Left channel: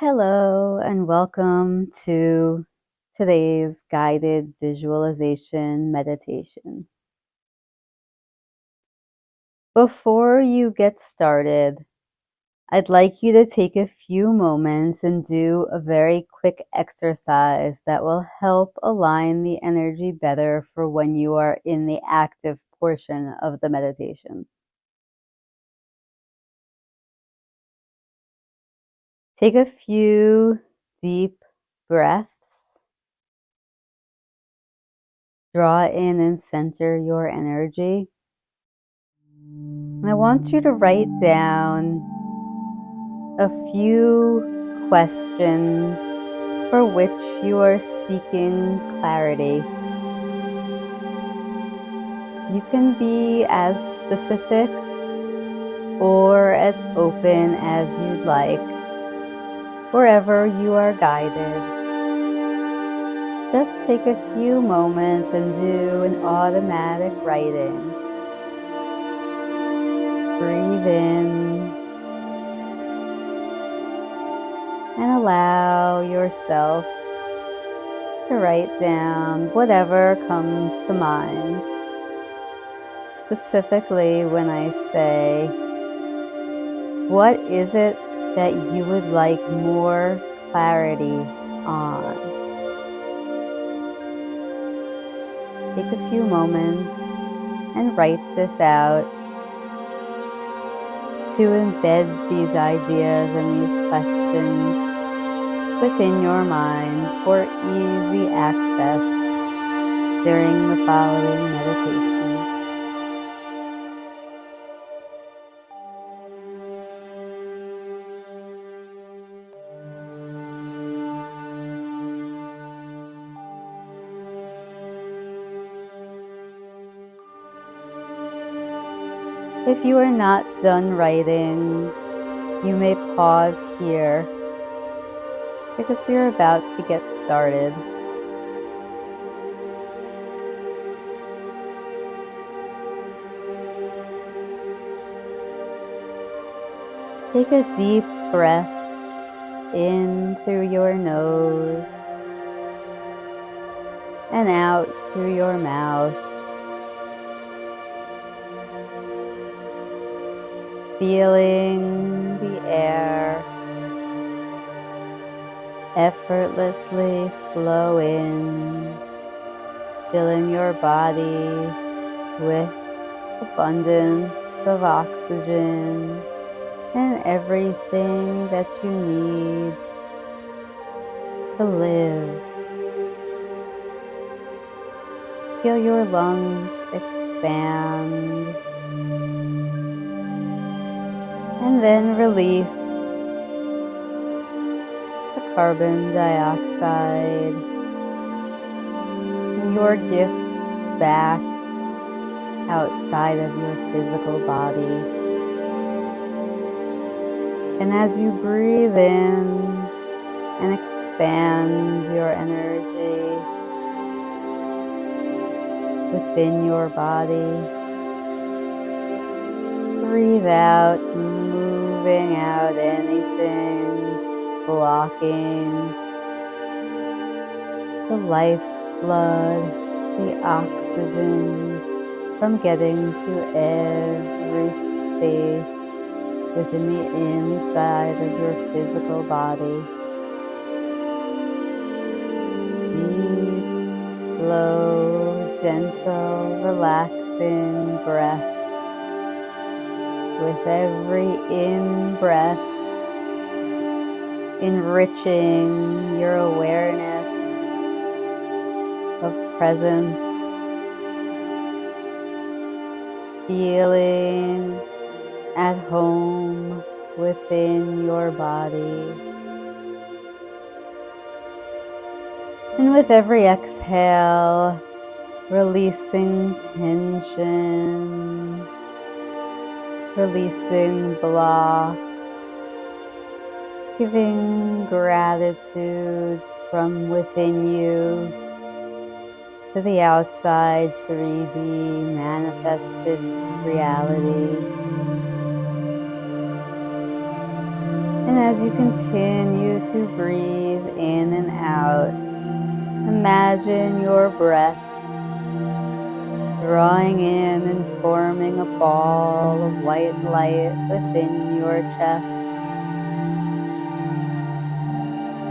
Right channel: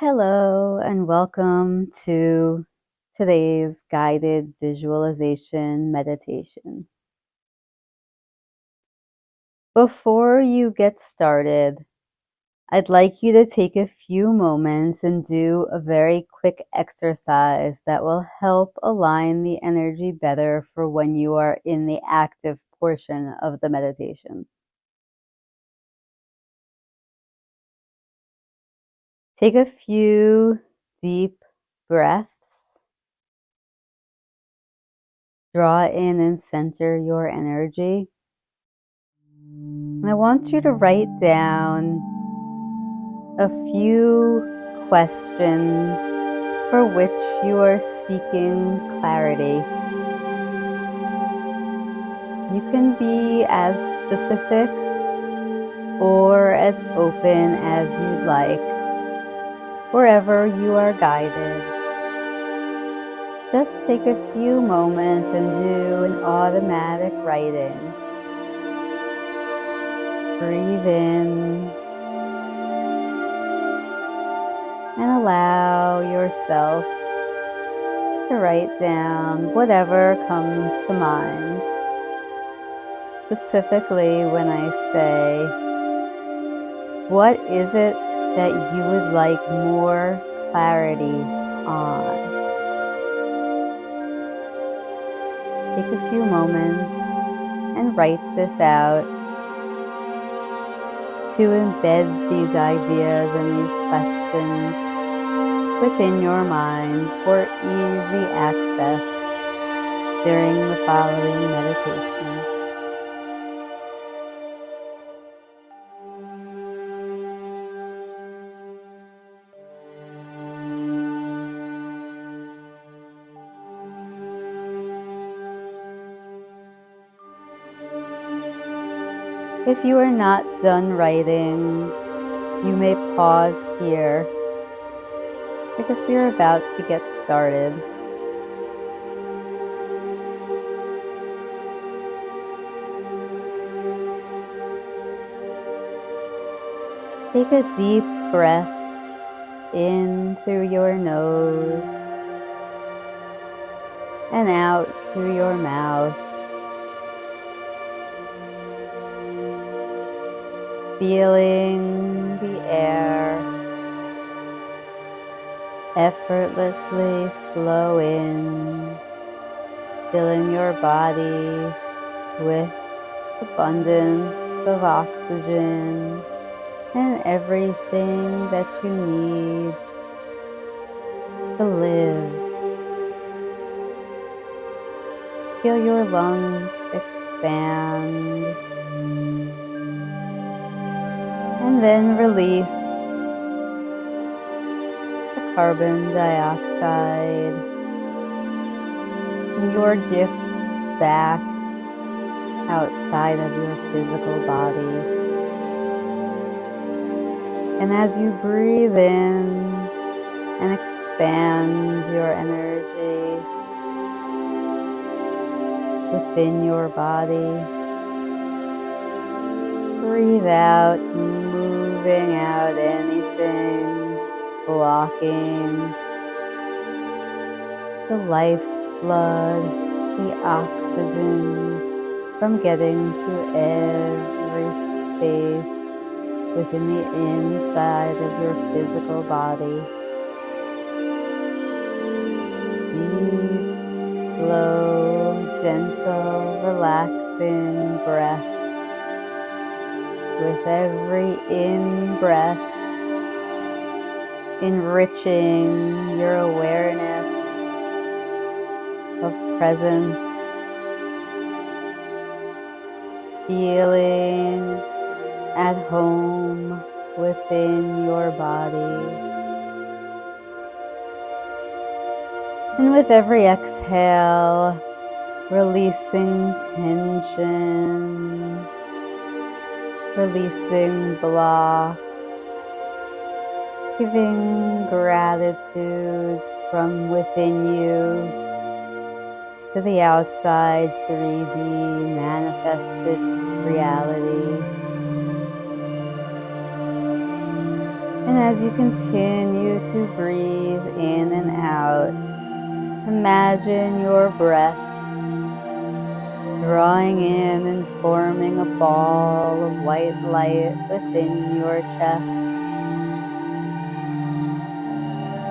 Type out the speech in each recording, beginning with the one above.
Hello, and welcome to today's guided visualization meditation. Before you get started, I'd like you to take a few moments and do a very quick exercise that will help align the energy better for when you are in the active portion of the meditation. Take a few deep breaths. Draw in and center your energy. And I want you to write down a few questions for which you are seeking clarity. You can be as specific or as open as you'd like, wherever you are guided. Just take a few moments and do an automatic writing. Breathe in and allow yourself to write down whatever comes to mind. Specifically, when I say, what is it that you would like more clarity on? Take a few moments and write this out to embed these ideas and these questions within your mind for easy access during the following meditation. If you are not done writing, you may pause here because we are about to get started. Take a deep breath in through your nose and out through your mouth. Feeling the air effortlessly flow in, filling your body with abundance of oxygen and everything that you need to live. Feel your lungs expand and then release the carbon dioxide and your gifts back outside of your physical body. And as you breathe in and expand your energy within your body, breathe out, moving out anything blocking the lifeblood, the oxygen from getting to every space within the inside of your physical body. Deep, slow, gentle, relaxing breath. With every in-breath, enriching your awareness of presence, feeling at home within your body. And with every exhale, releasing tension, releasing blocks, giving gratitude from within you to the outside 3D manifested reality. And as you continue to breathe in and out, imagine your breath drawing in and forming a ball of white light within your chest.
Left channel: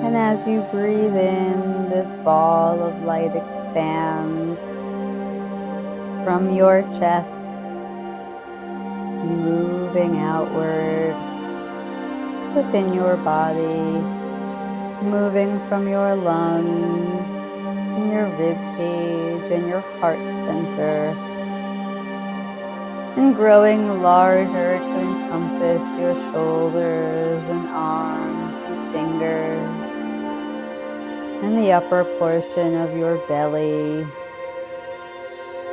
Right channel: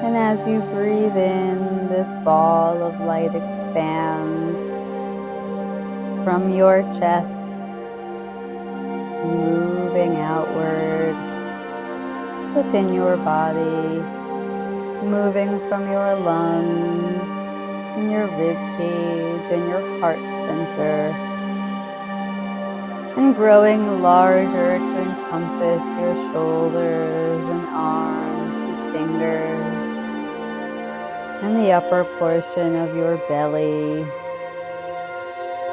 And as you breathe in, this ball of light expands from your chest, moving outward within your body, moving from your lungs and your rib cage and your heart center, and growing larger to encompass your shoulders and arms and fingers, and the upper portion of your belly.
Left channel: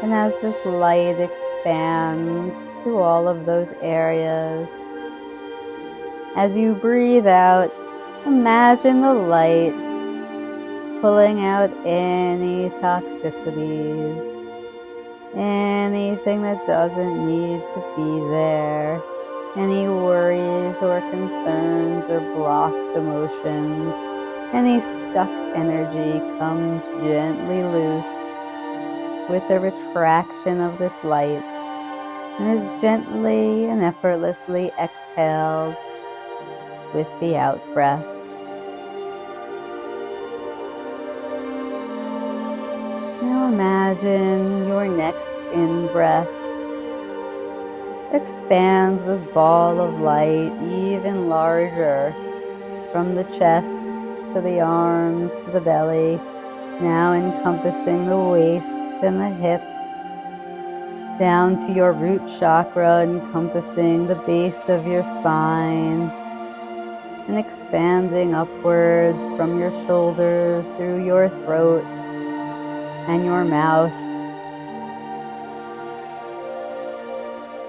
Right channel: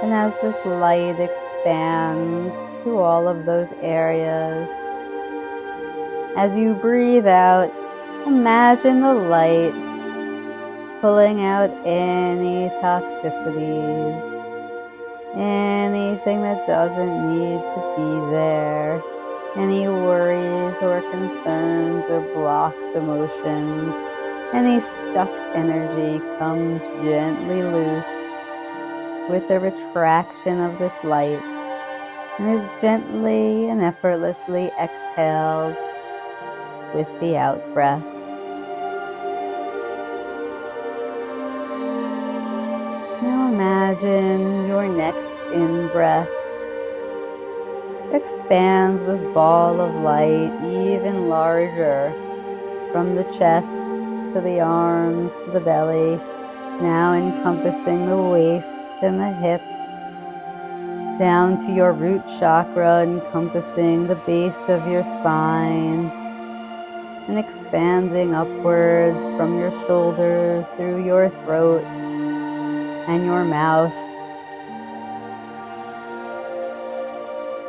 And as this light expands to all of those areas, as you breathe out, imagine the light pulling out any toxicities, anything that doesn't need to be there, any worries or concerns or blocked emotions, any stuck energy comes gently loose with the retraction of this light and is gently and effortlessly exhaled with the out breath. Now imagine your next in breath expands this ball of light even larger from the chest to the arms to the belly, now encompassing the waist and the hips, down to your root chakra, encompassing the base of your spine, and expanding upwards from your shoulders through your throat and your mouth.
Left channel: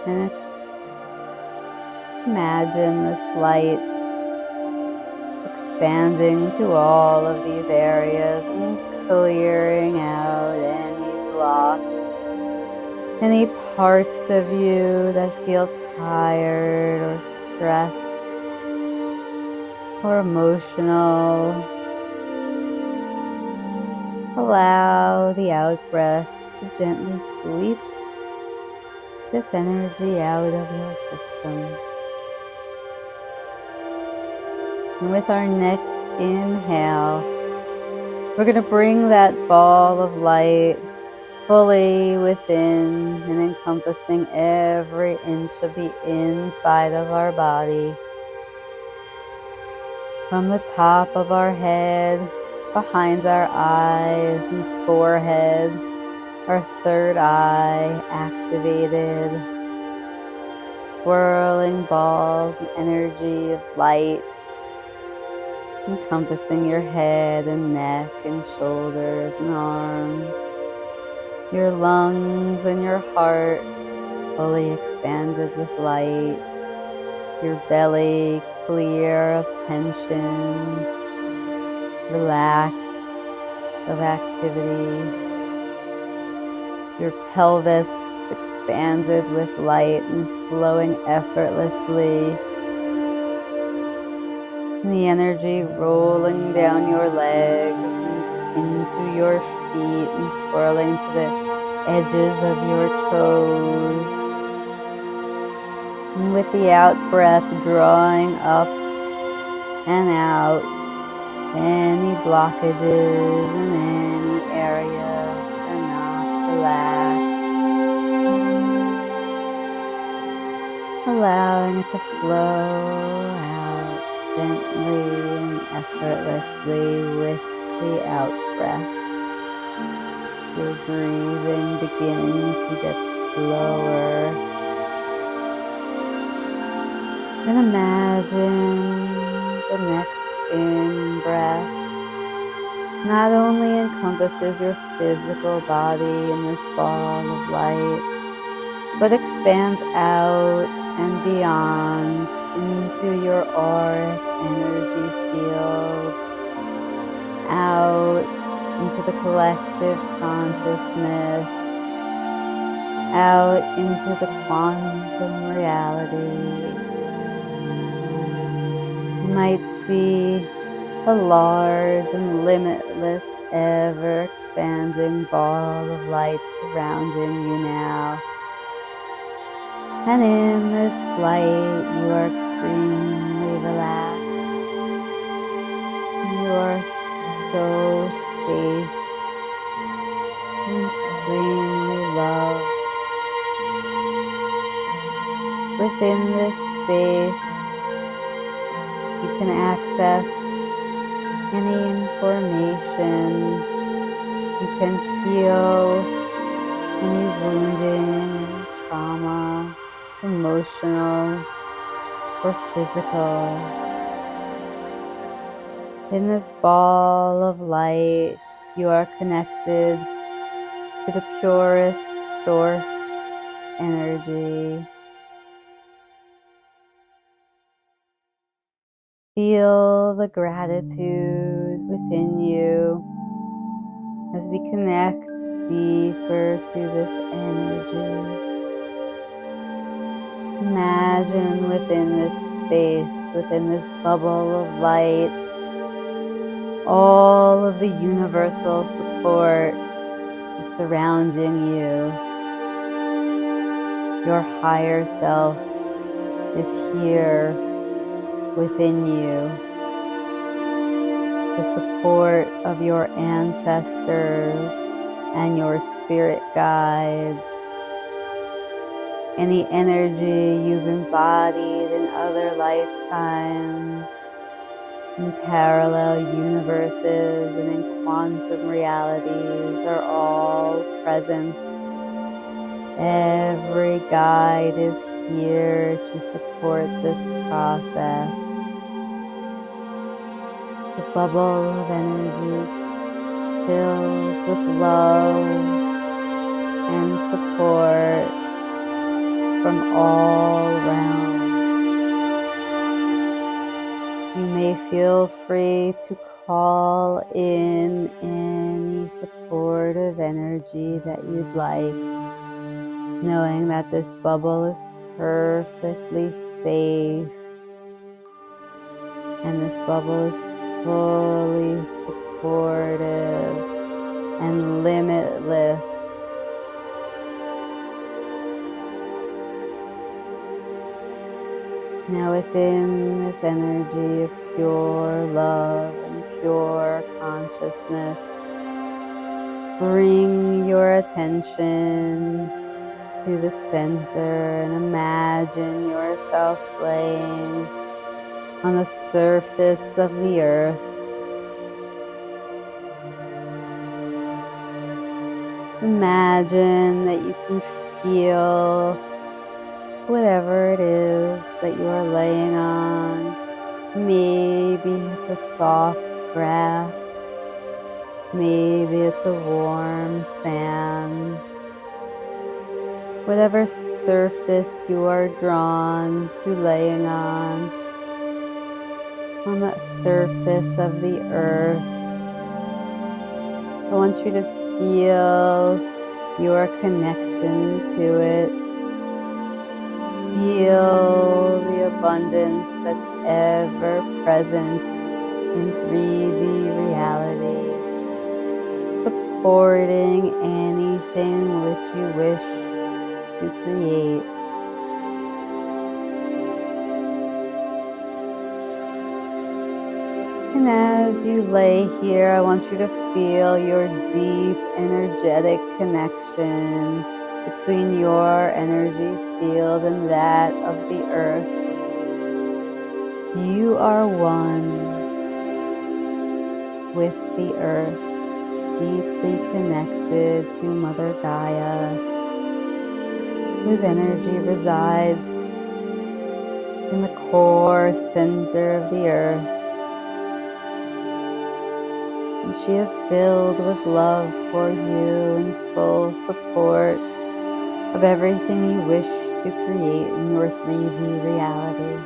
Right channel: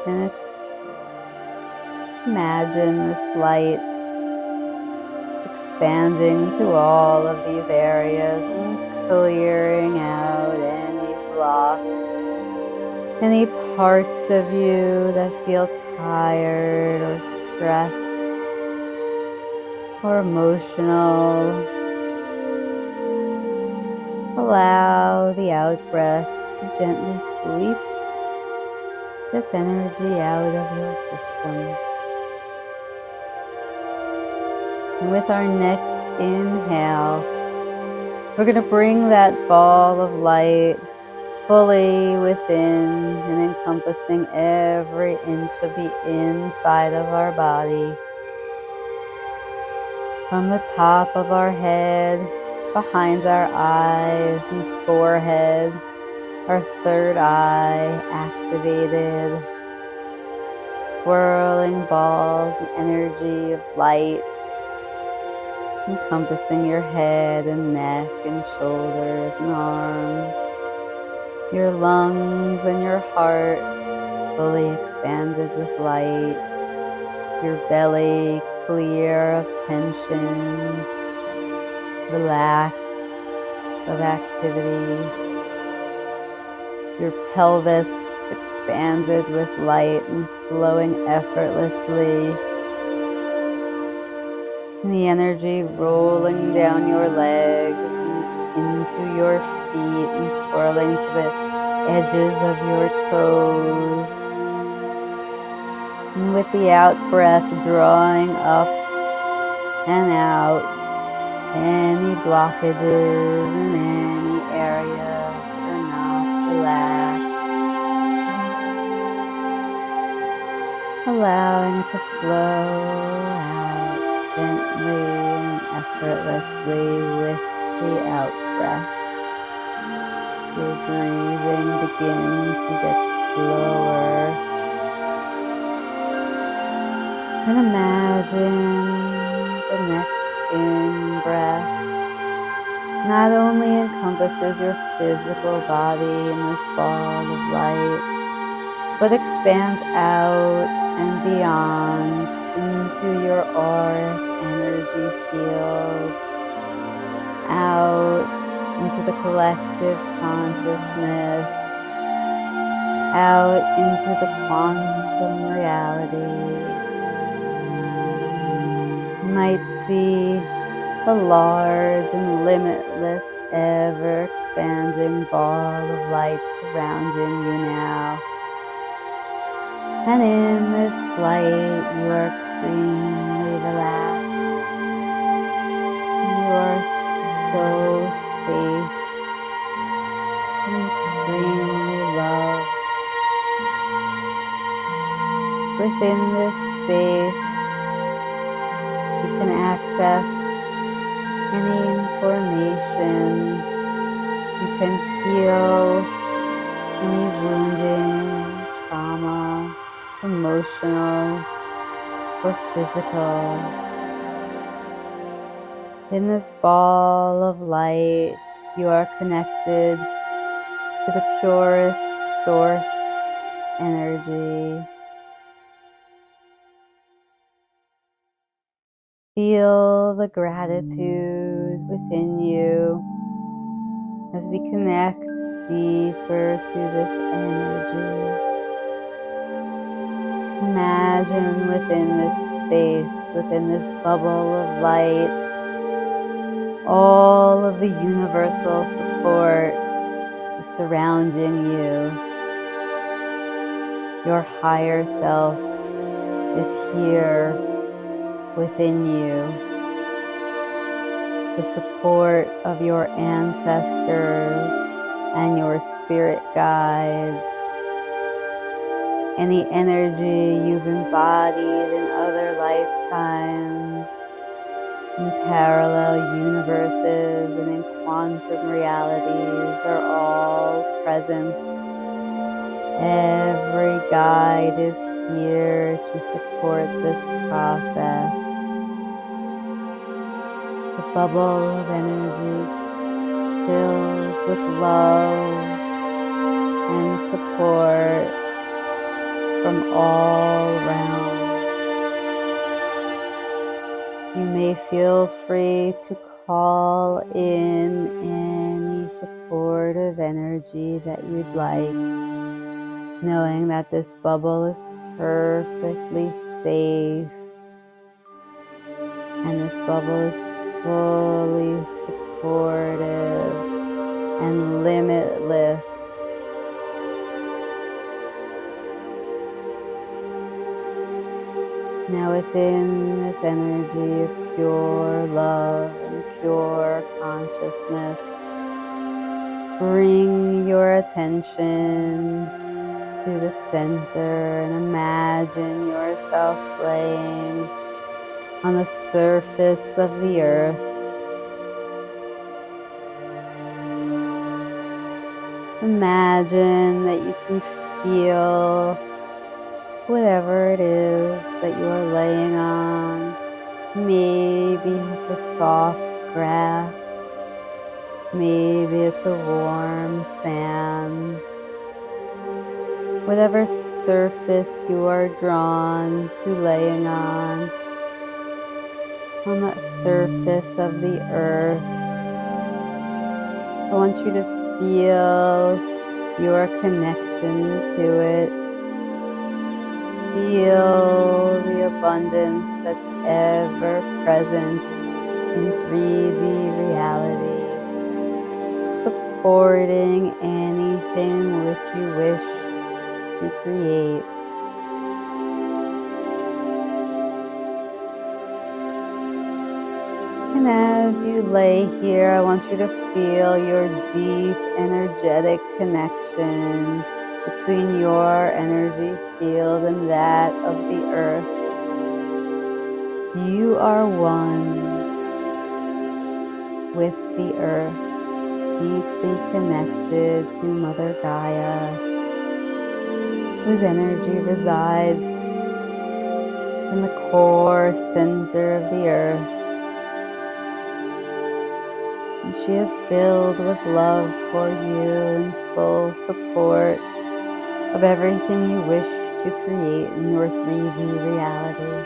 And imagine this light expanding to all of these areas and clearing out any blocks, any parts of you that feel tired or stressed or emotional. Allow the out breath to gently sweep this energy out of your system. And with our next inhale, we're going to bring that ball of light fully within and encompassing every inch of the inside of our body. From the top of our head, behind our eyes and forehead, our third eye activated, swirling balls and energy of light encompassing your head and neck and shoulders and arms, your lungs and your heart fully expanded with light, your belly clear of tension, relaxed of activity, your pelvis expanded with light and flowing effortlessly, and the energy rolling down your legs and into your feet and swirling to the edges of your toes. And with the out breath, drawing up and out any blockages in any areas that are not relaxed. Allowing it to flow out gently and effortlessly with the out breath. Your breathing beginning to get slower. And imagine the next in breath not only encompasses your physical body in this ball of light, but expands out and beyond into your auric energy field, out into the collective consciousness, out into the quantum reality. You might see a large and limitless, ever-expanding ball of light surrounding you now. And in this light, you are extremely relaxed. You are so safe and extremely loved. Within this space, you can access any information. You can heal any wounding, any trauma, emotional or physical. In this ball of light, you are connected to the purest source energy. Feel the gratitude within you as we connect deeper to this energy. Imagine within this space, within this bubble of light, all of the universal support surrounding you. Your higher self is here within you. The support of your ancestors and your spirit guides. Any energy you've embodied in other lifetimes, in parallel universes and in quantum realities are all present. Every guide is here to support this process. The bubble of energy fills with love and support from all realms. You may feel free to call in any supportive energy that you'd like, knowing that this bubble is perfectly safe and this bubble is fully supportive and limitless. Now within this energy of pure love and pure consciousness, bring your attention to the center and imagine yourself laying on the surface of the earth. Imagine that you can feel whatever it is that you are laying on. Maybe it's a soft grass. Maybe it's a warm sand. Whatever surface you are drawn to laying on that surface of the earth, I want you to feel your connection to it. Feel the abundance that's ever present in 3D reality, supporting anything which you wish to create. And as you lay here, I want you to feel your deep energetic connection between your energy field and that of the earth. You are one with the earth, deeply connected to Mother Gaia, whose energy resides in the core center of the earth. And she is filled with love for you and full support of everything you wish to create in your 3D reality.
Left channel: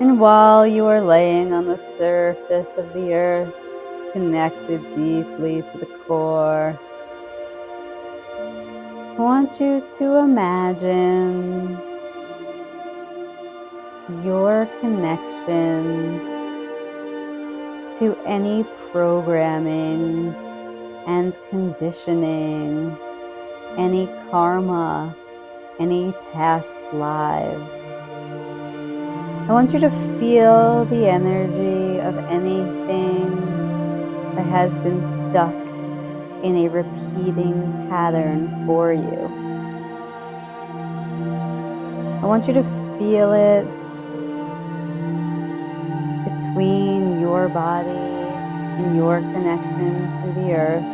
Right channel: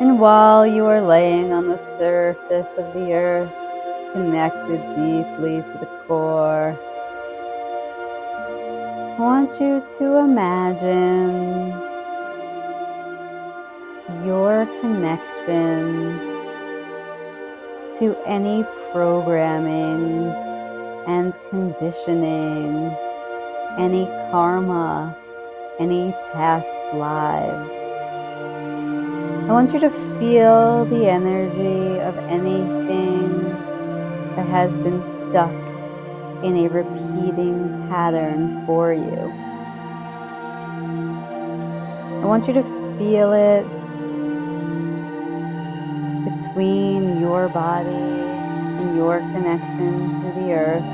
And while you are laying on the surface of the earth, connected deeply to the core, I want you to imagine your connection to any programming and conditioning, any karma, any past lives. I want you to feel the energy of anything that has been stuck in a repeating pattern for you. I want you to feel it between your body and your connection to the earth.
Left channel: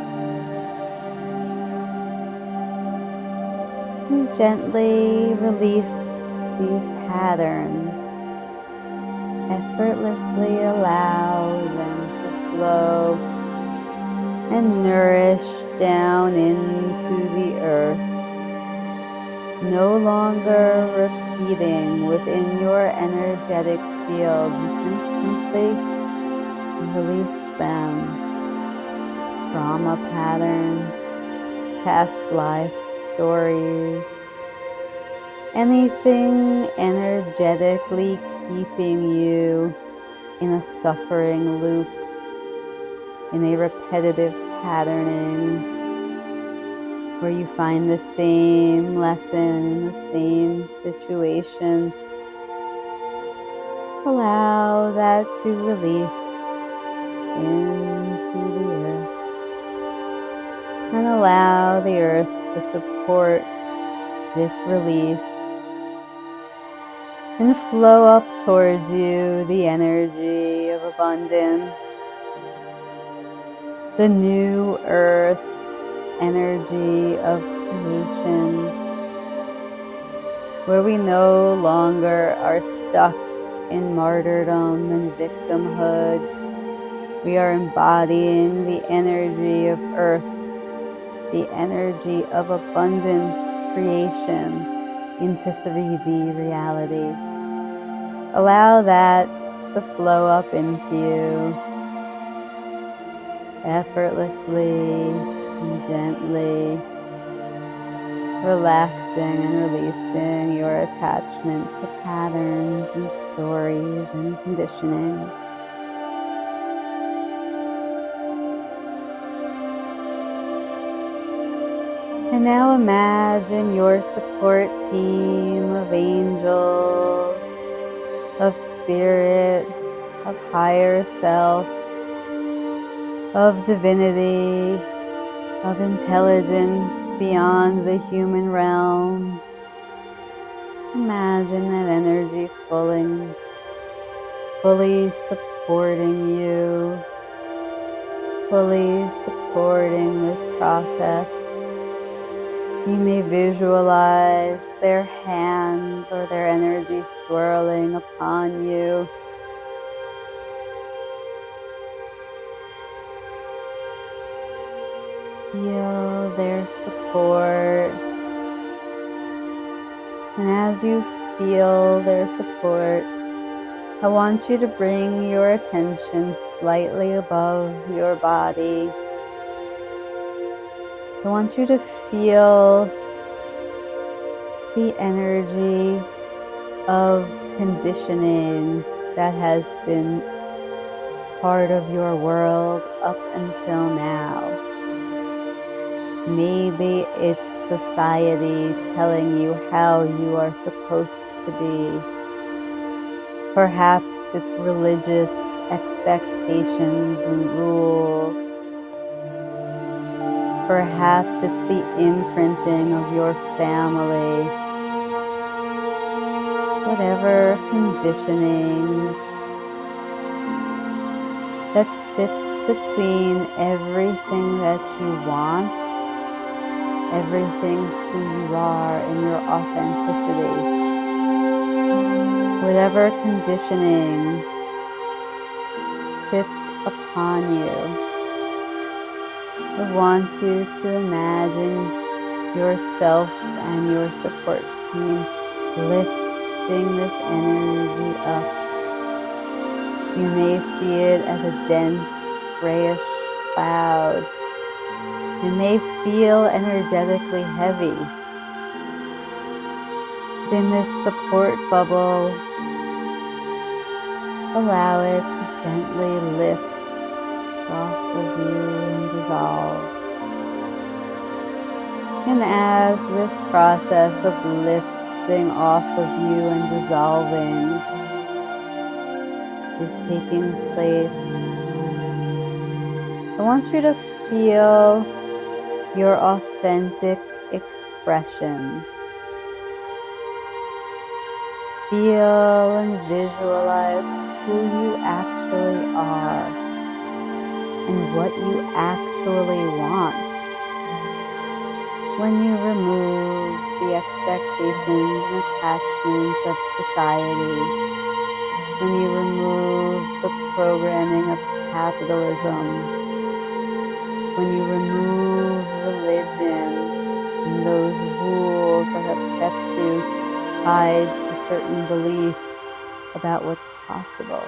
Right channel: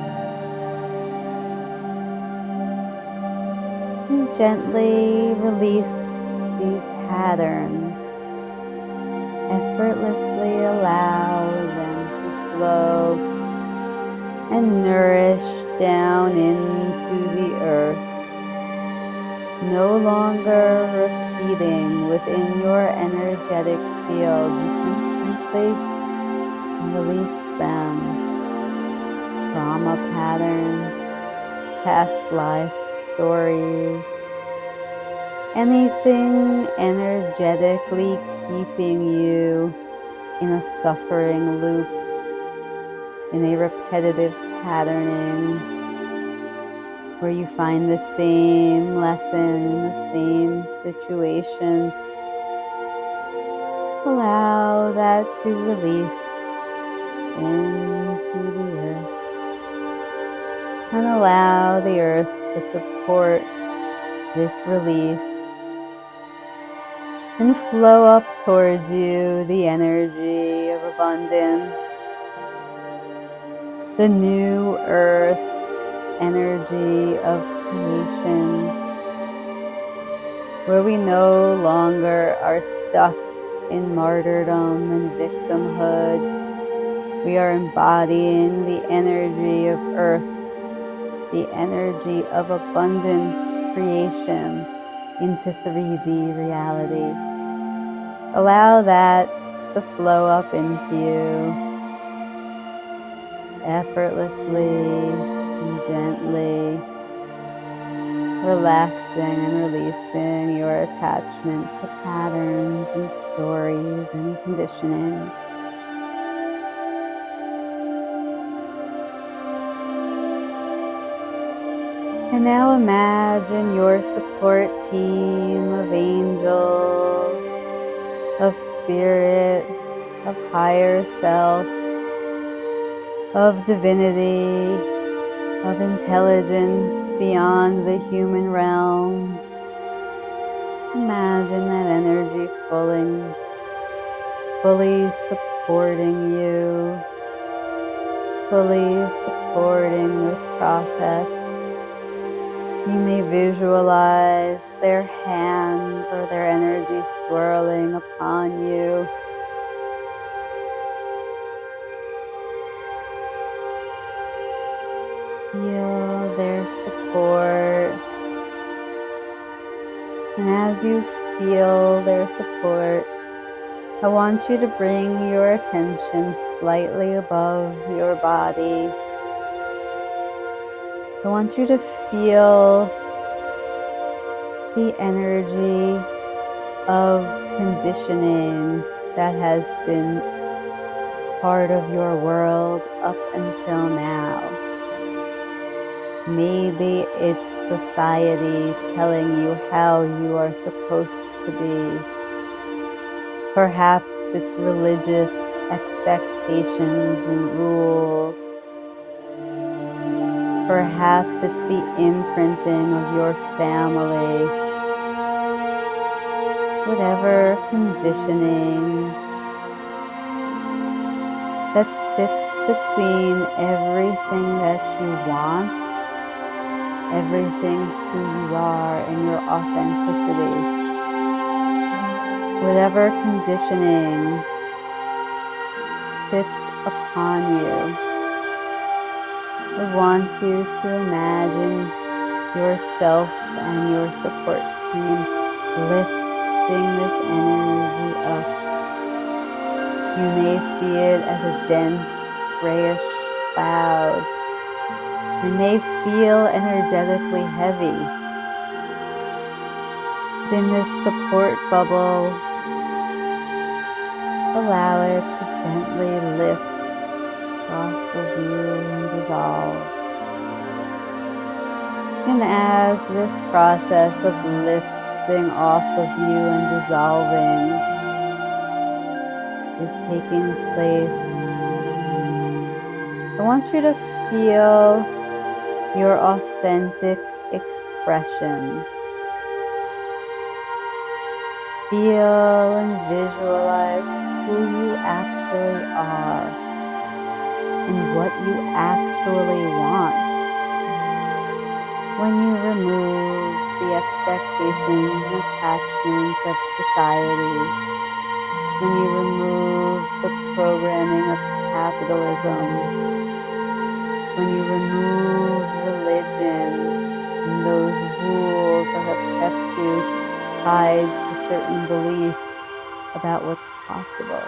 And gently release these patterns. Effortlessly allow them to flow and nourish down into the earth. No longer repeating within your energetic field. You can simply release them. Trauma patterns, past life stories, anything energetically keeping you in a suffering loop, in a repetitive patterning, where you find the same lesson, the same situation. Allow that to release into the earth, and allow the earth to support this release and flow up towards you the energy of abundance, the new earth energy of creation, where we no longer are stuck in martyrdom and victimhood. We are embodying the energy of earth, the energy of abundant creation into 3D reality. Allow that to flow up into you effortlessly and gently, relaxing and releasing your attachment to patterns and stories and conditioning. And now imagine your support team of angels, of spirit, of higher self, of divinity, of intelligence beyond the human realm. Imagine that energy fully supporting you, fully supporting this process. You may visualize their hands or their energy swirling upon you. Feel their support. And as you feel their support, I want you to bring your attention slightly above your body. I want you to feel the energy of conditioning that has been part of your world up until now. Maybe it's society telling you how you are supposed to be. Perhaps it's religious expectations and rules. Perhaps it's the imprinting of your family. Whatever conditioning that sits between everything that you want, everything who you are in your authenticity. Whatever conditioning sits upon you, I want you to imagine yourself and your support team lifting this energy up. You may see it as a dense, grayish cloud. It may feel energetically heavy. In this support bubble, allow it to gently lift off of you and dissolve. And as this process of lifting off of you and dissolving is taking place, I want you to feel your authentic expression. Feel and visualize who you actually are and what you actually want. When you remove the expectations and attachments of society, when you remove the programming of capitalism, when you remove religion and those rules that have kept you tied to certain beliefs about what's possible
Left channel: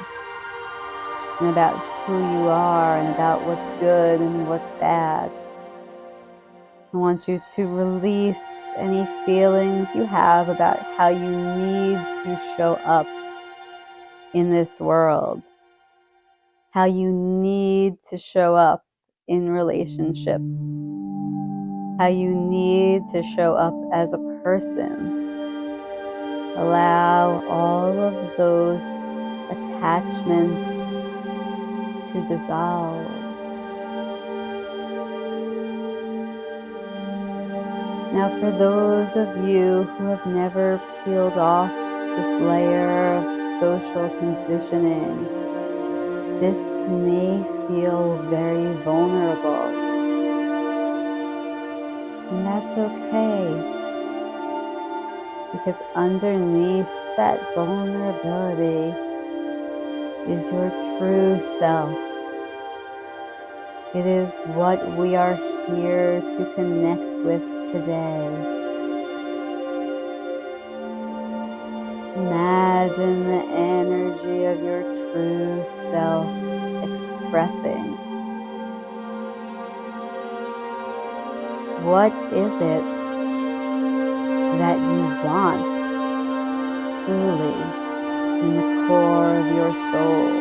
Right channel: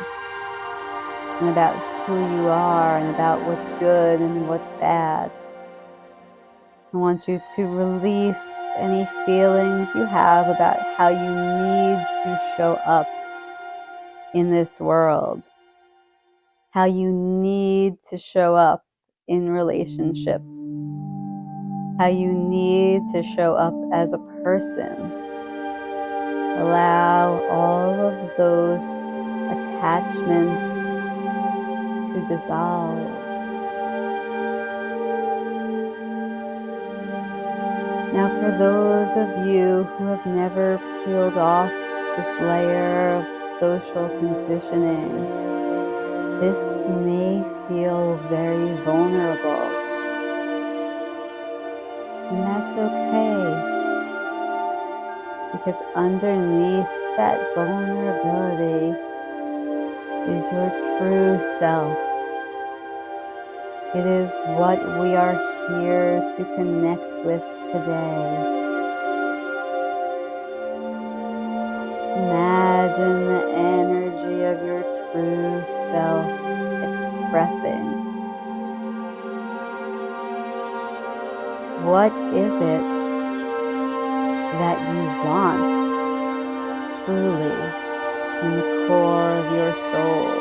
and about who you are and about what's good and what's bad. I want you to release any feelings you have about how you need to show up in this world, how you need to show up in relationships, how you need to show up as a person. Allow all of those attachments to dissolve. Now, for those of you who have never peeled off this layer of social conditioning, this may feel very vulnerable. And that's okay, because underneath that vulnerability is your true self. It is what we are here to connect with today. Imagine the energy of your true self expressing. What is it that you want truly in the core of your soul?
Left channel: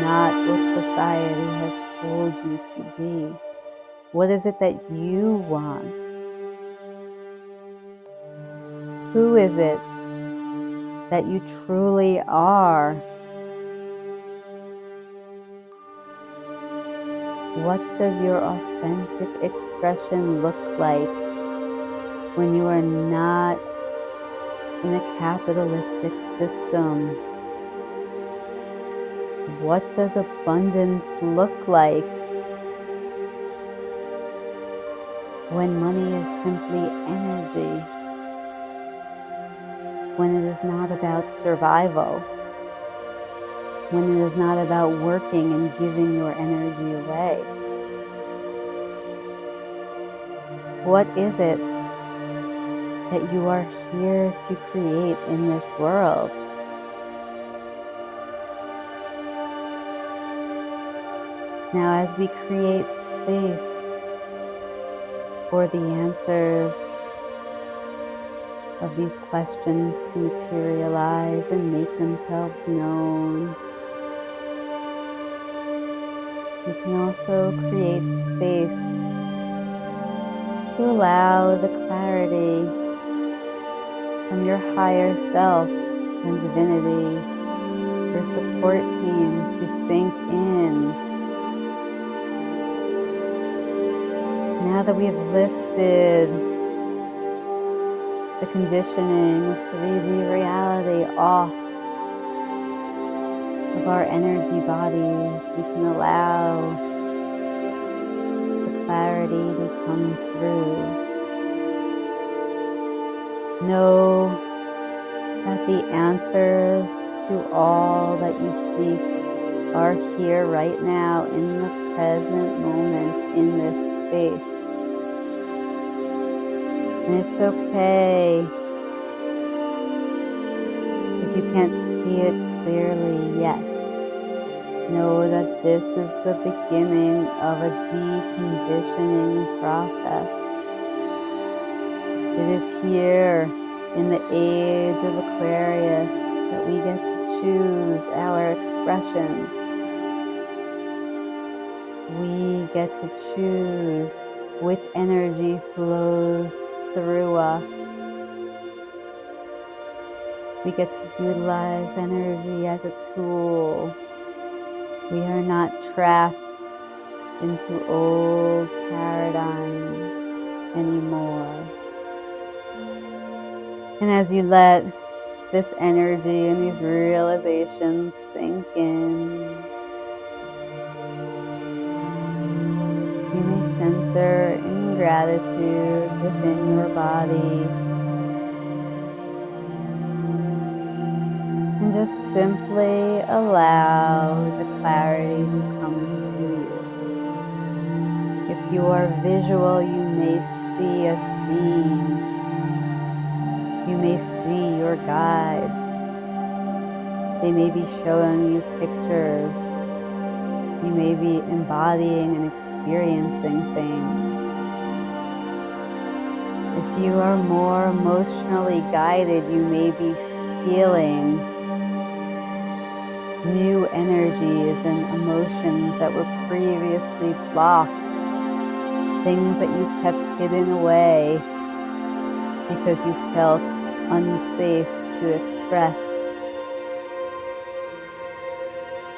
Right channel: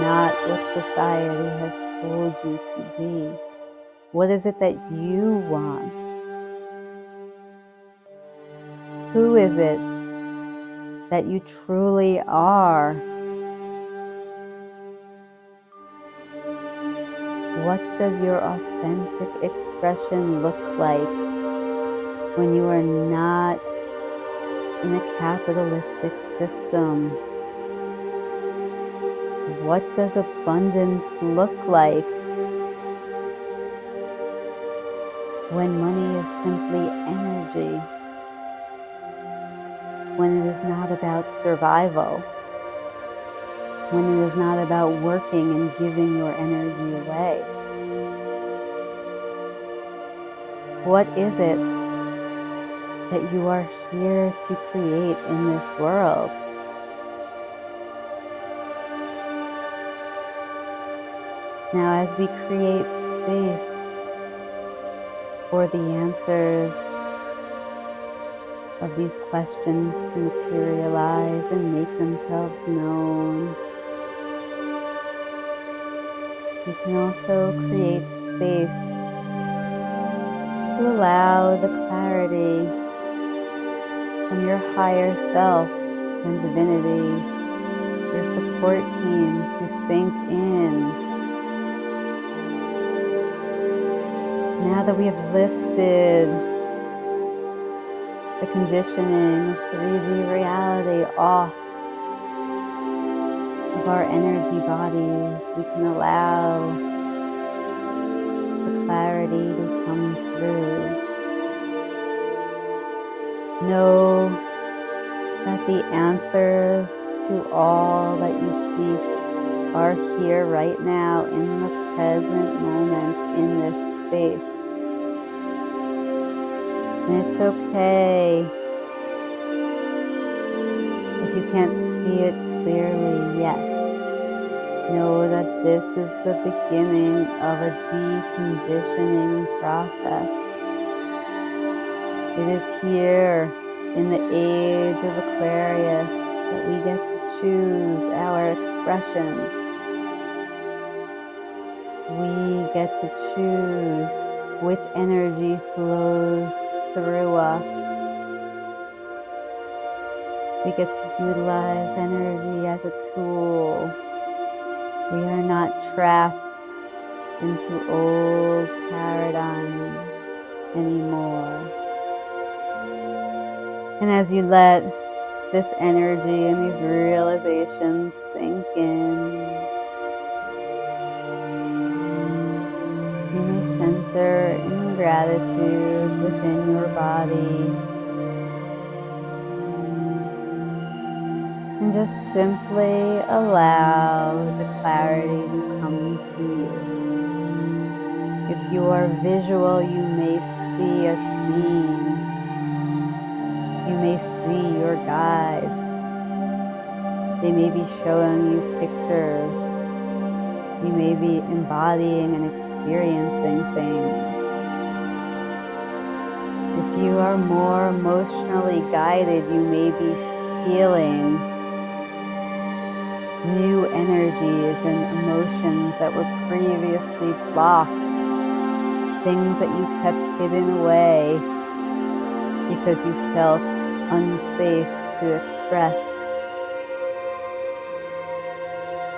Not what society has told you to be. What is it that you want? Who is it that you truly are? What does your authentic expression look like when you are not in a capitalistic system? What does abundance look like when money is simply energy? When it is not about survival? When it is not about working and giving your energy away? What is it that you are here to create in this world? Now, as we create space for the answers of these questions to materialize and make themselves known, we can also create space to allow the clarity from your higher self and divinity, your support team, to sink in. Now that we have lifted the conditioning of 3D reality off of our energy bodies, we can allow the clarity to come through. Know that the answers to all that you seek are here right now in the present moment in this space. And it's okay if you can't see it clearly yet. Know that this is the beginning of a deconditioning process. It is here in the age of Aquarius that we get to choose our expression. We get to choose which energy flows through us. We get to utilize energy as a tool. We are not trapped into old paradigms anymore. And as you let this energy and these realizations sink in, you may center in gratitude within your body and just simply allow the clarity to come to you. If you are visual, you may see a scene. You may see your guides. They may be showing you pictures. You may be embodying and experiencing things. If you are more emotionally guided, you may be feeling new energies and emotions that were previously blocked, things that you kept hidden away because you felt unsafe to express.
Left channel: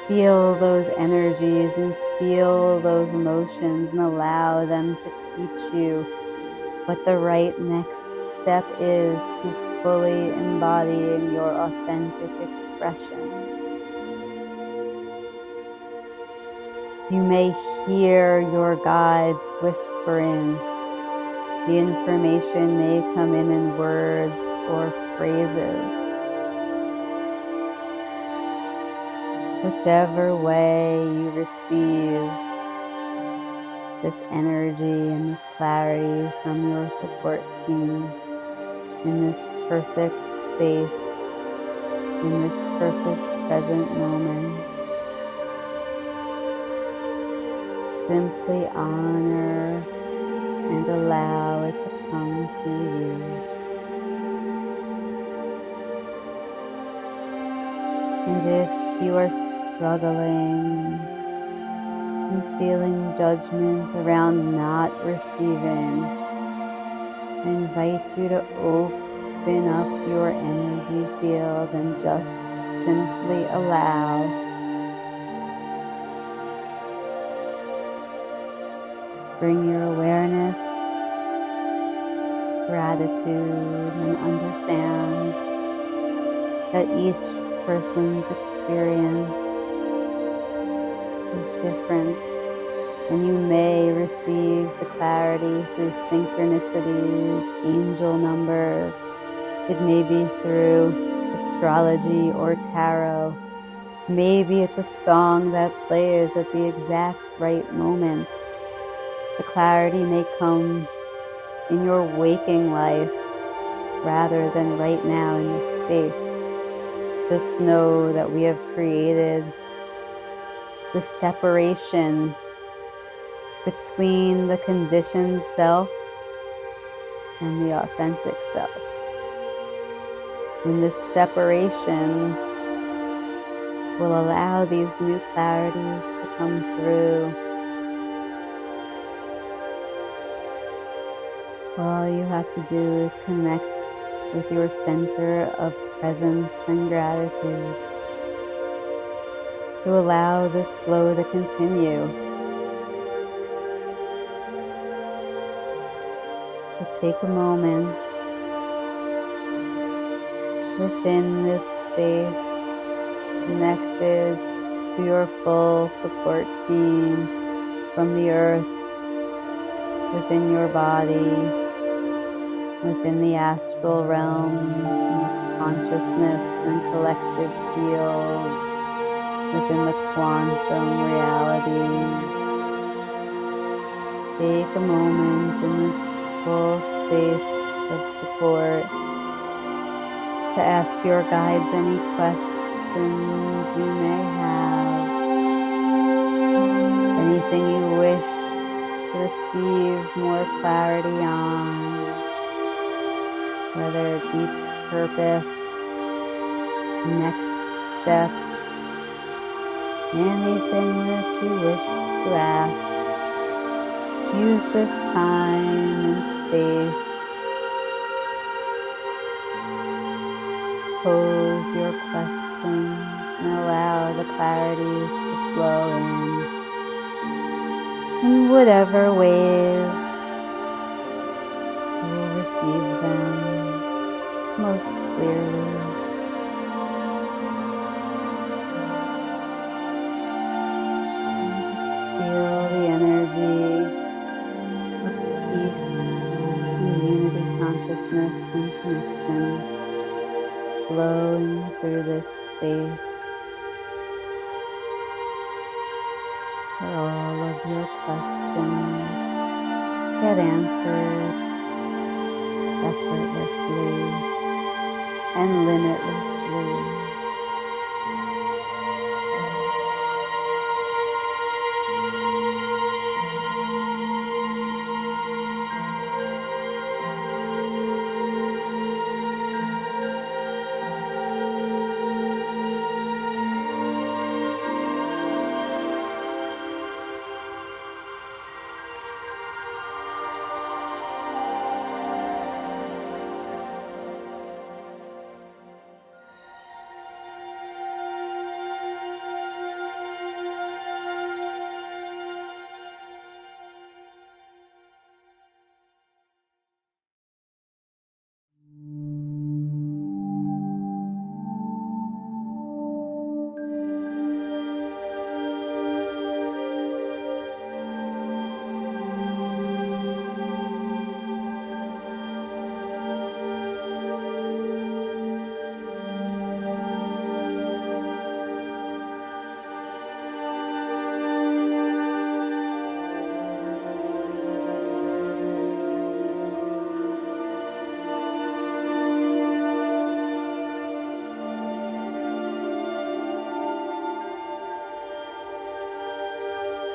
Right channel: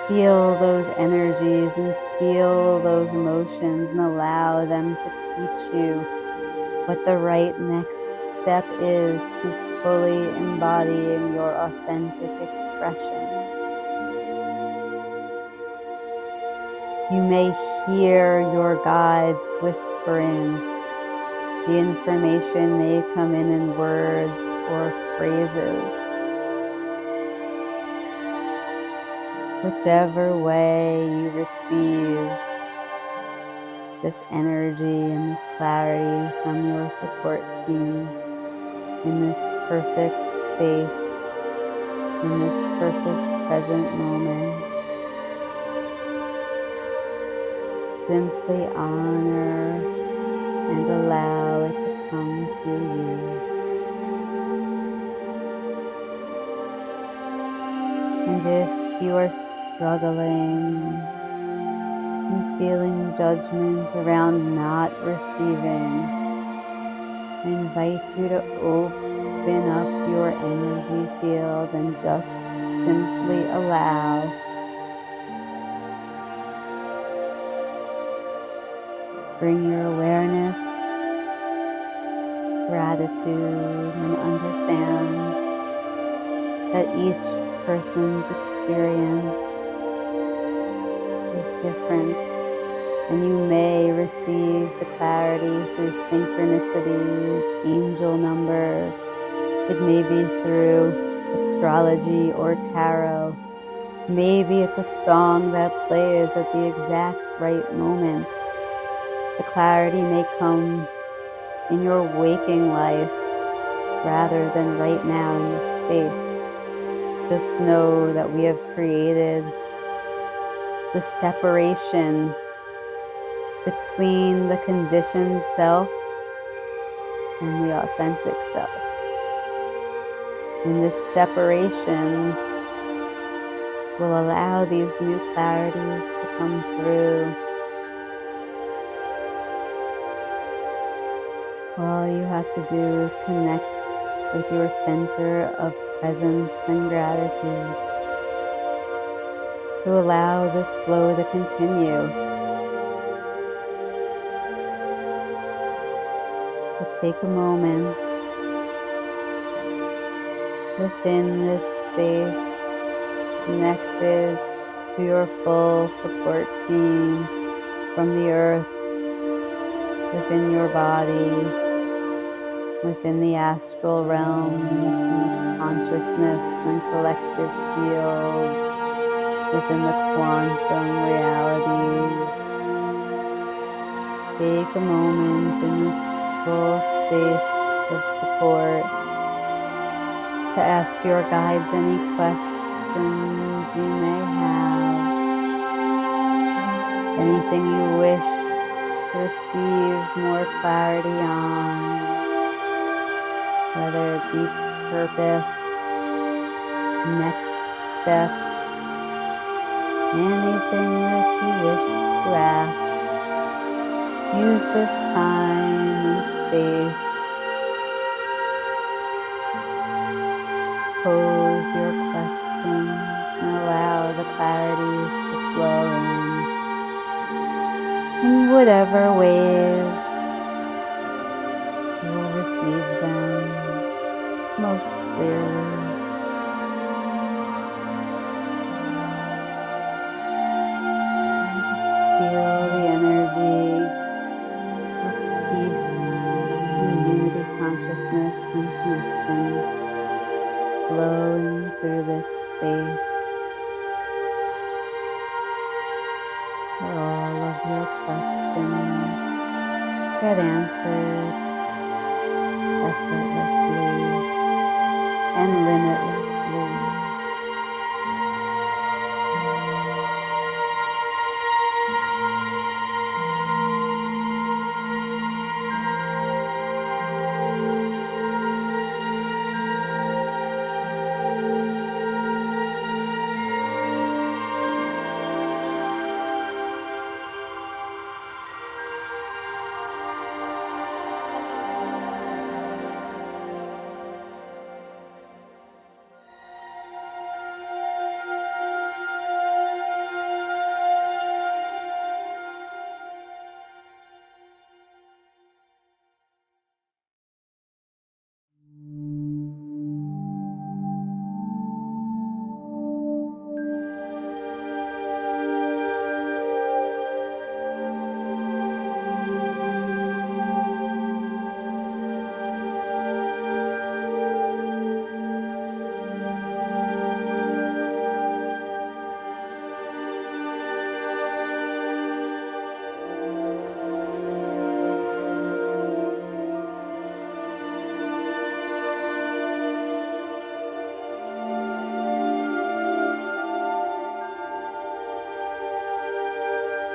Feel those energies and feel those emotions and allow them to teach you what the right next step is to fully embodying your authentic expression. You may hear your guides whispering. The information may come in words or phrases. Whichever way you receive this energy and this clarity from your support team in this perfect space, in this perfect present moment, simply honor and allow it to come to you. And if you are struggling and feeling judgment around not receiving, I invite you to open up your energy field and just simply allow. Bring your awareness, gratitude, and understand that each person's experience is different, and you may receive the clarity through synchronicities, angel numbers. It may be through astrology or tarot. Maybe it's a song that plays at the exact right moment. The clarity may come in your waking life rather than right now in this space. Just know that we have created the separation between the conditioned self and the authentic self. And this separation will allow these new clarities to come through. All you have to do is connect with your center of presence and gratitude to allow this flow to continue. So take a moment within this space, connected to your full support team from the earth, within your body, within the astral realms, and the consciousness and collective fields, within the quantum realities. Take a moment in this full space of support to ask your guides any questions you may have, anything you wish to receive more clarity on, whether it be purpose, next steps, anything that you wish to ask. Use this time and space. Pose your questions and allow the clarities to flow in whatever ways you will receive them most clearly. And just feel the energy of peace and unity, consciousness and connection flowing through this space, where all of your questions get answered effortlessly and limitlessly.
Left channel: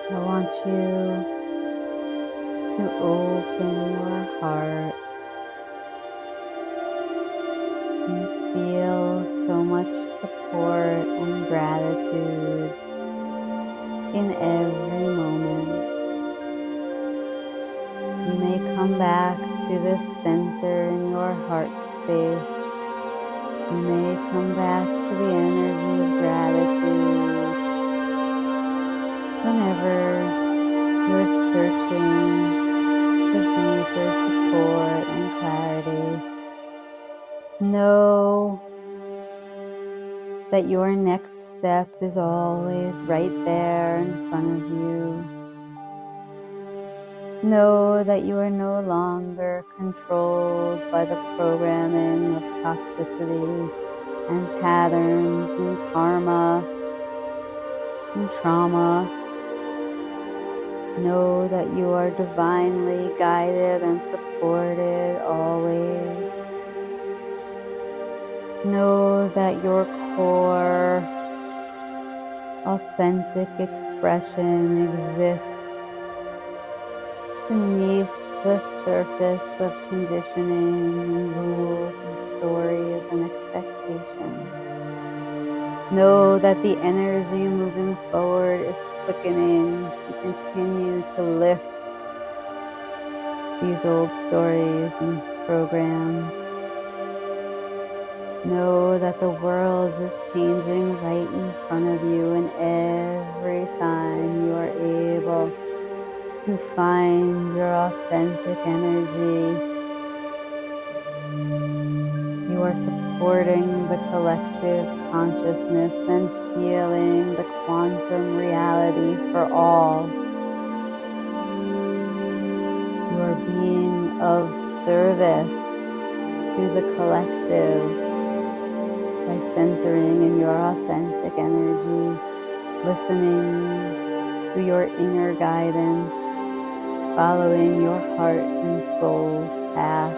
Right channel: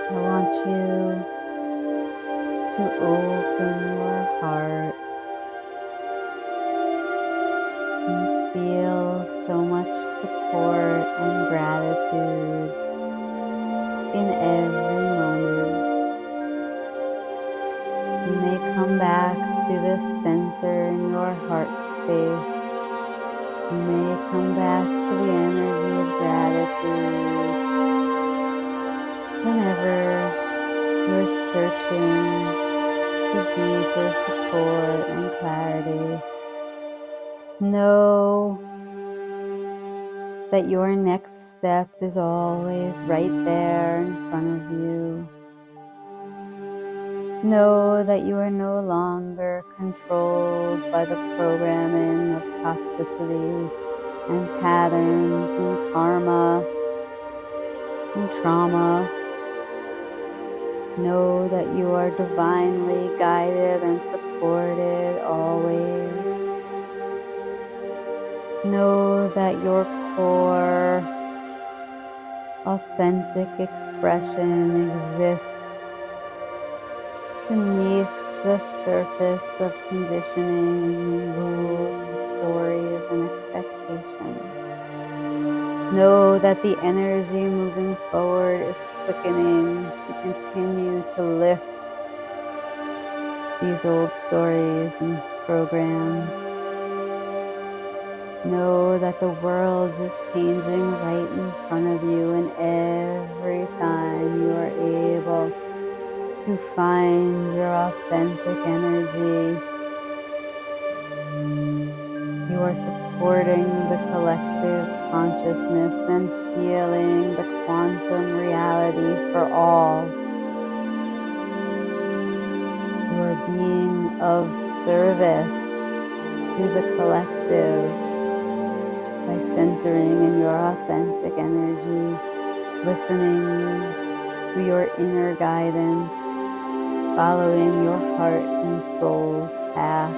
I want you to open your heart and feel so much support and gratitude in every moment. You may come back to this center in your heart space. You may come back to the energy of gratitude whenever you're searching for deeper support and clarity. Know that your next step is always right there in front of you. Know that you are no longer controlled by the programming of toxicity and patterns and karma and trauma. Know that you are divinely guided and supported always. Know that your core, authentic expression exists beneath the surface of conditioning, rules, and stories and expectations. Know that the energy moving forward is quickening to continue to lift these old stories and programs. Know that the world is changing right in front of you, and every time you are able to find your authentic energy, you are supporting the collective consciousness and healing the quantum reality for all. You are being of service to the collective by centering in your authentic energy, listening to your inner guidance, following your heart and soul's path.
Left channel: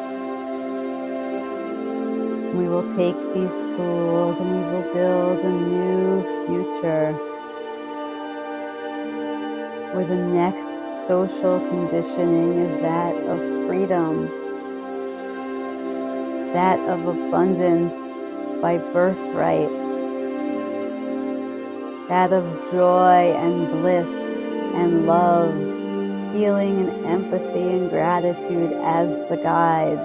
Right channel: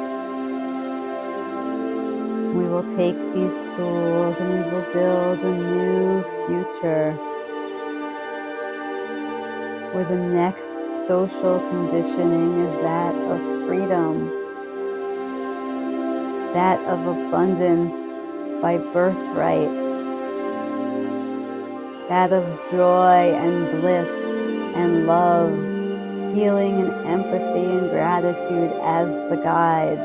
We will take these tools and we will build a new future where the next social conditioning is that of freedom, that of abundance by birthright, that of joy and bliss and love, healing and empathy and gratitude as the guides.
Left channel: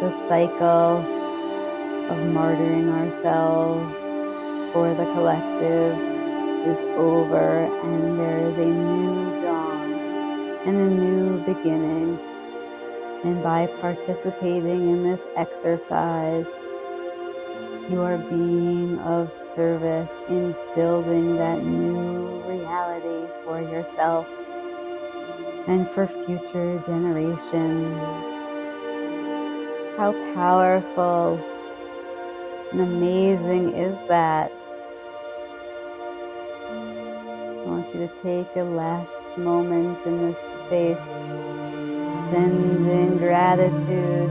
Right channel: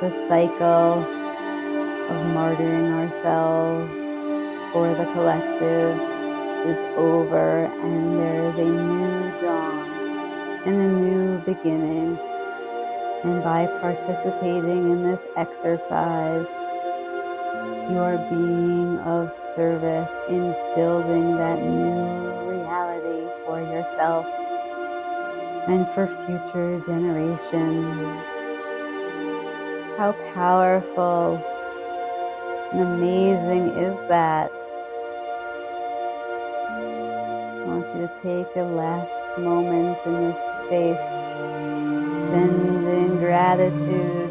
The cycle of martyring ourselves for the collective is over, and there is a new dawn and a new beginning. And by participating in this exercise, you are being of service in building that new reality for yourself and for future generations. How powerful and amazing is that? I want you to take a last moment in this space, sending gratitude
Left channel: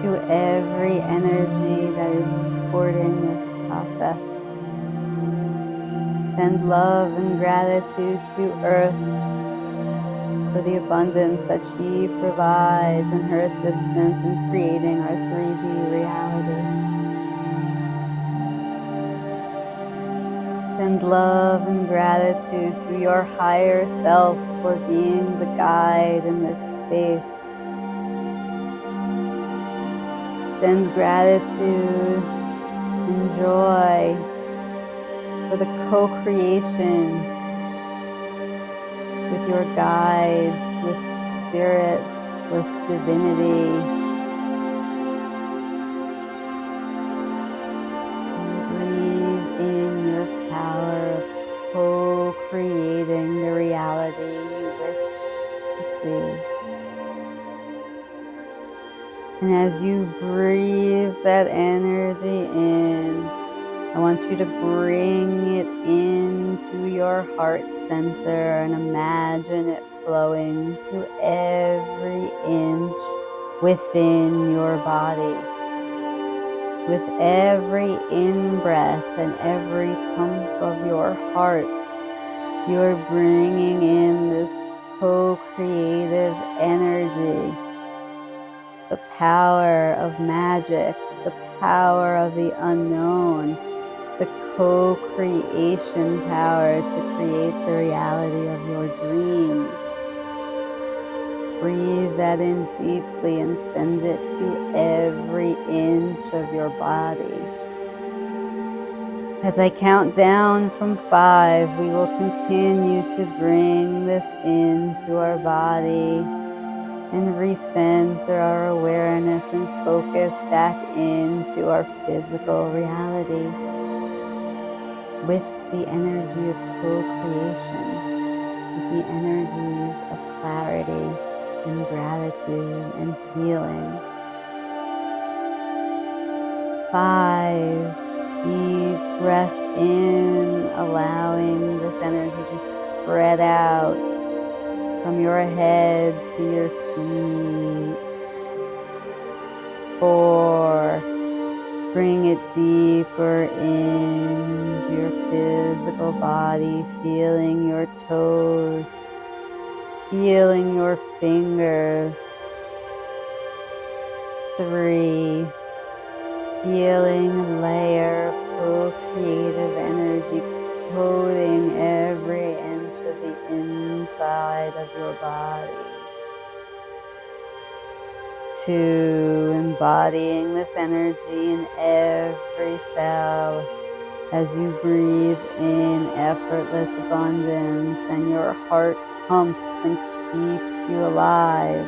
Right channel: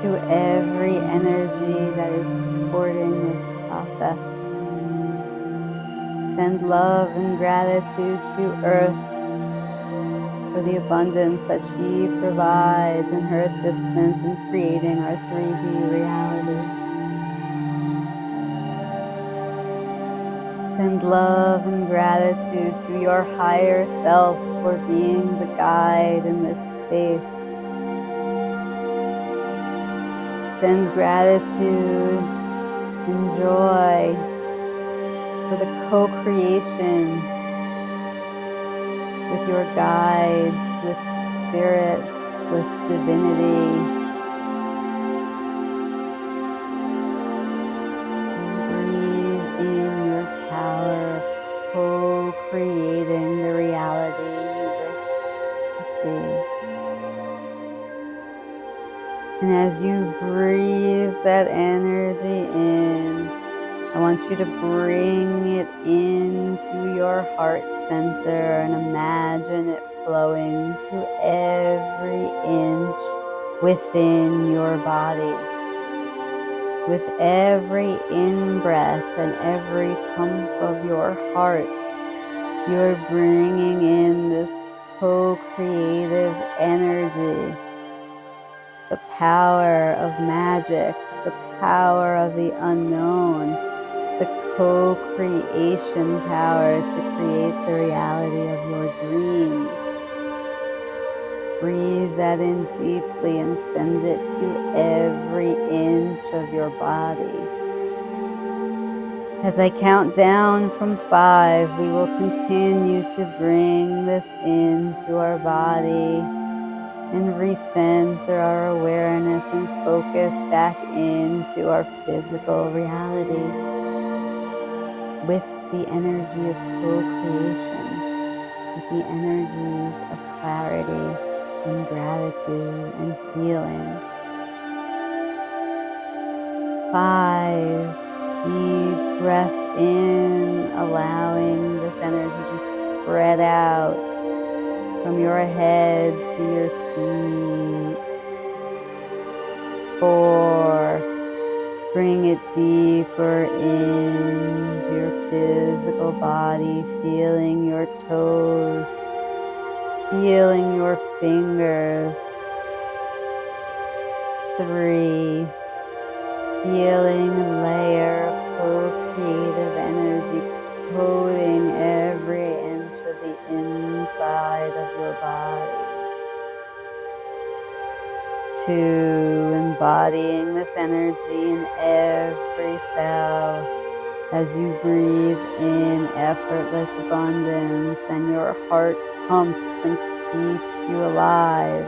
to every energy that is supporting this process. Send love and gratitude to Earth for the abundance that she provides and her assistance in creating our 3D reality. Send love and gratitude to your higher self for being the guide in this space. Send gratitude and joy for the co-creation with your guides, with spirit, with divinity. And breathe in your power of co-creating the reality you wish to see. And as you breathe that energy in, I want you to bring it into your heart center and imagine it flowing to every inch within your body. With every in-breath and every pump of your heart, you're bringing in this co-creative energy, the power of magic, the power of the unknown, the co-creation power to create the reality of your dreams. Breathe that in deeply and send it to every inch of your body. As I count down from 5, we will continue to bring this into our body and recenter our awareness and focus back into our physical reality with the energy of co-creation, with the energies of clarity and gratitude and healing. 5, deep breath in, allowing this energy to spread out from your head to your feet. 4, bring it deeper into your physical body, feeling your toes, feeling your fingers. 3, feeling a layer of co-creative energy coating every inch of the inside of your body. 2, embodying this energy in every cell as you breathe in effortless abundance and your heart pumps and keeps you alive.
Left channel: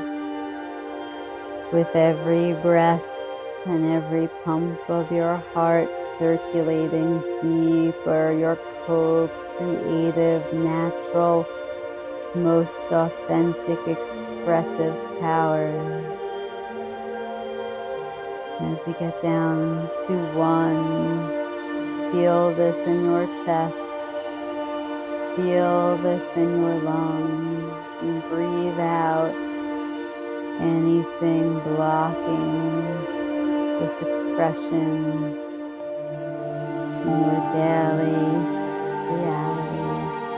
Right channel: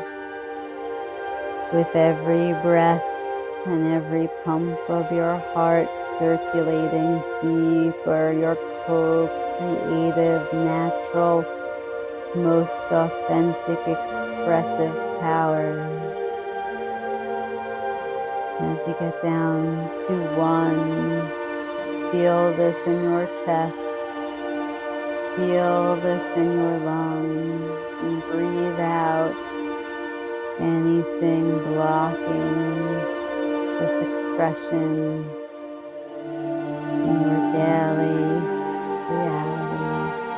With every breath and every pump of your heart circulating deeper, your co-creative, natural, most authentic, expressive powers. And as we get down to 1, feel this in your chest, feel this in your lungs, and breathe out anything blocking this expression in your daily reality.